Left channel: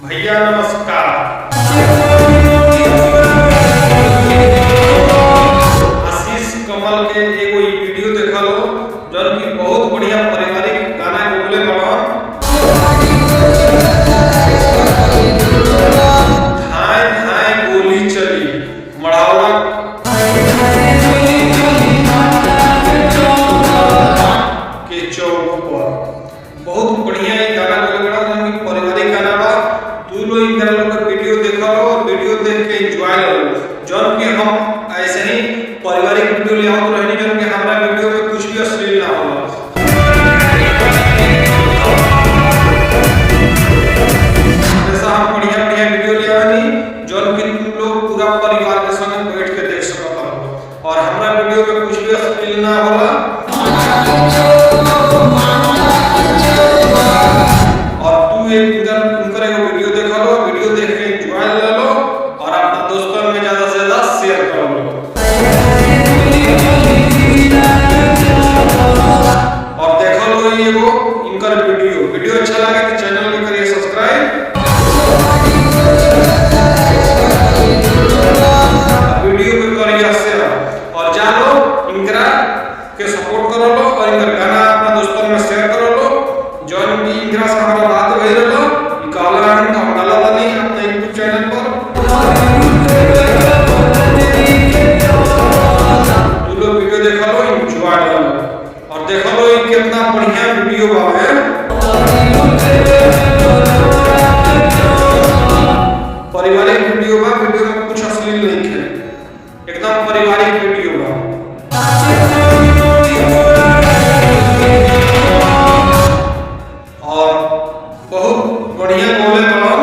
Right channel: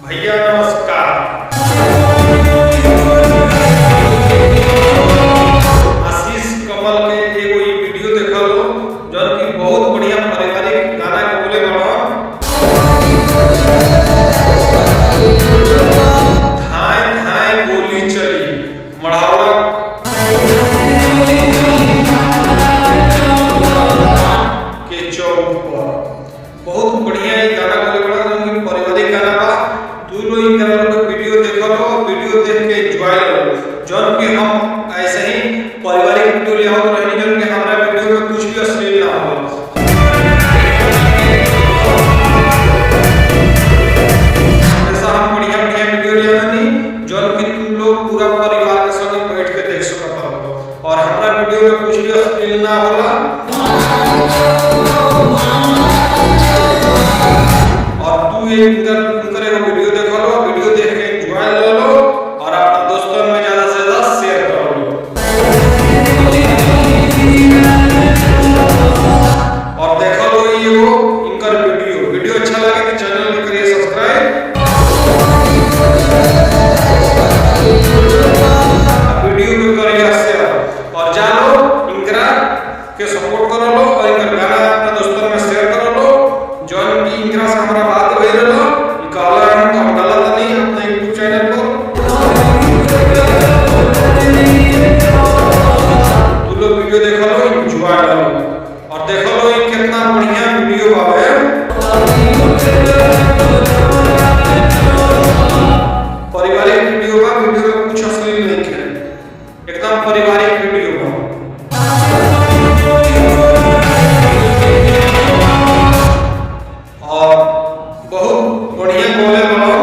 भैया नमस्कार। आशीष कमल के एगो ई वीडियो देखल जौन की बहुत बढ़िया पारिवारिक गाना गौले बड़न। धाय धाय गोली चली मढ़ौरा के चौक पर। बहुत बढ़िया ये गाना गौले बड़ा जौन की पारिवारिक गाना बा। तू लोग इन गाना लोग वीडियो देखल और वीडियो देख के एंजॉय लो। जौन की हम ऐसे ही पारिवारिक वीडियो ले आओ तो रहनी जौन की हमारा वीडियो में कुछ भी अश्लील ना हो। हमेशा हम बढ़िया बढ़िया वीडियो ले आवनी जौन की तू लोग पूरा परिवार के संग बैठ के देख सकत हो और हमारा वीडियो में कुछ भी अश्लील ना होला। और तू इनकर एगो वीडियो देख लो, वीडियो देख के एंजॉय ले लो और अपना दोस्तों में ज्यादा से ज्यादा शेयर कर लो। और देख लो एगो इनकर वीडियो अच्छा लगे तो चैनल के करिए सब्सक्राइब, वीडियो के करिए शेयर और जानो इनकरा के सपोर्ट कर लो और इनकर गाना अपना दोस्तों में शेयर कर लो। जौन की इंदिरा से हमारा बात भई रहलो ई काला रंग का डाला था नहीं अपना YouTube चैनल पर। तू लोग वीडियो देख लो, एंजॉय लो और देख लो ये कितना बढ़िया वीडियो बावे। पारिवारिक वीडियो बा, वीडियो में कुछ अश्लील नहीं है, एकदम पारिवारिक वीडियो बा। और बहुत बढ़िया बोले बनल।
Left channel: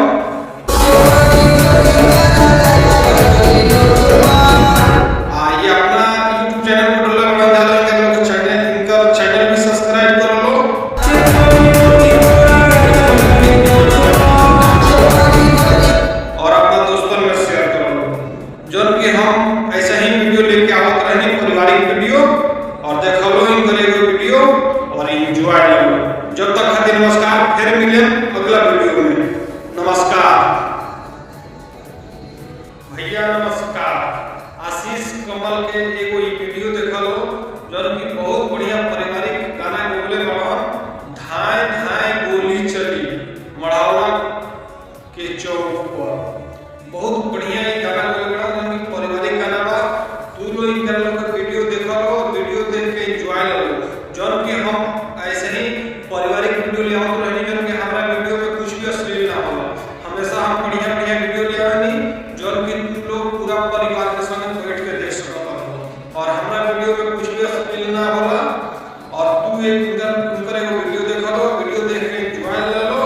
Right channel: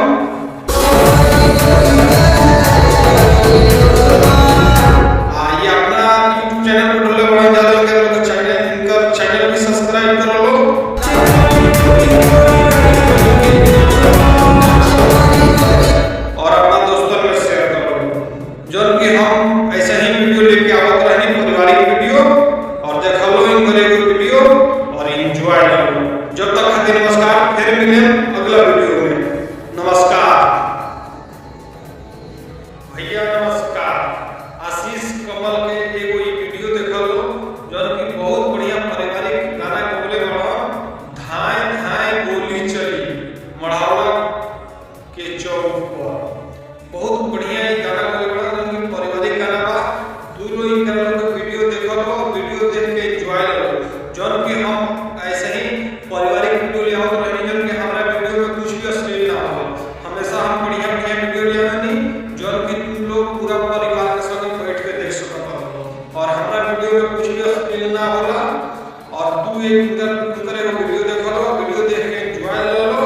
ये अपना YouTube चैनल पर डोले बना जालो, इनकर चैनल भी सब्सक्राइब कर लो और अपना दोस्तों में शेयर कर लो। जौन कि हम ऐसे ही वीडियो लेके आवत रहनी पारिवारिक वीडियो और देख लो इनकर एगो वीडियो और एंजॉय लो। जब तक खातिर नमस्कार, फिर मिले अगला वीडियो में। नमस्कार भैया नमस्कार। आशीष कमल के एगो ई वीडियो देखल जौन की बहुत बढ़िया पारिवारिक गाना गौले बड़न। धाय धाय गोली चली मढ़ौरा के चौक पर। बहुत बढ़िया ये गाना गौले बड़ा जौन की पारिवारिक गाना बा। तू लोग इन गाना लोग वीडियो देखल और वीडियो देख के एंजॉय लो। जौन की हम ऐसे ही पारिवारिक वीडियो ले आओ तो रहनी जौन की हमारा वीडियो में कुछ भी अश्लील ना हो। हमेशा हम बढ़िया बढ़िया वीडियो ले आवनी जौन की तू लोग पूरा परिवार के संग बैठ के देख सकत हो और हमारा वीडियो में कुछ भी अश्लील ना होला। और तू इनकर एगो वीडियो देख लो, वीडियो देख के एंजॉय ले लो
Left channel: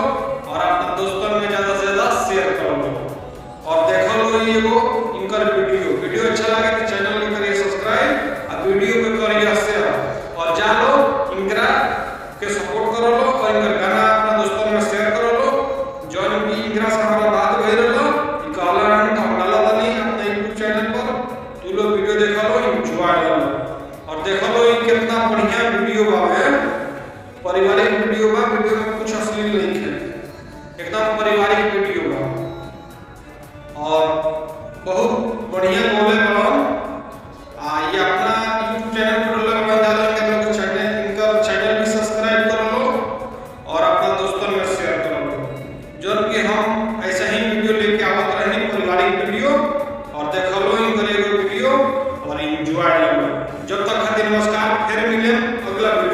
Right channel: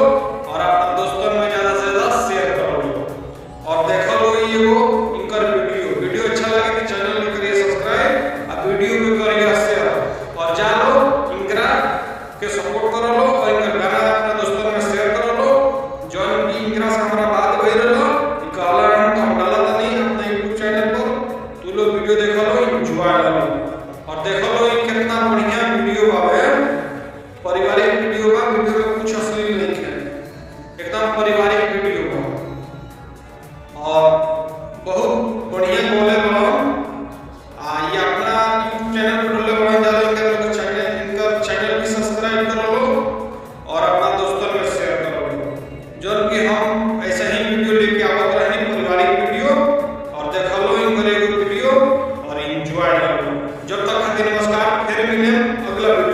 और अपना दोस्तों में ज्यादा से ज्यादा शेयर कर लो। और देख लो एगो इनकर वीडियो अच्छा लगे तो चैनल के करिए सब्सक्राइब और वीडियो के करिए शेयर और जानो इनकरा के सपोर्ट कर लो और इनकर गाना अपना दोस्तों में शेयर कर लो। जौन की इंदिरा से हमारा बात भई रहलो ई काला रंग का डाला था नहीं अपना YouTube चैनल पर। तू लोग वीडियो देख लो, एंजॉय लो और देख लो ये कितना बढ़िया वीडियो बावे। पारिवारिक वीडियो बा, वीडियो में कुछ अश्लील नहीं है, एकदम पारिवारिक वीडियो बा। और बहुत बढ़िया बोले बनल। ये अपना YouTube चैनल पर डोले बना जालो, इनकर चैनल भी सब्सक्राइब कर लो और अपना दोस्तों में शेयर कर लो। जौन कि हम ऐसे ही वीडियो लेके आवत रहनी पारिवारिक वीडियो और देख लो इनकर एगो वीडियो और एंजॉय लो। जब तक खातिर नमस्कार, फिर मिले अगला वीडियो।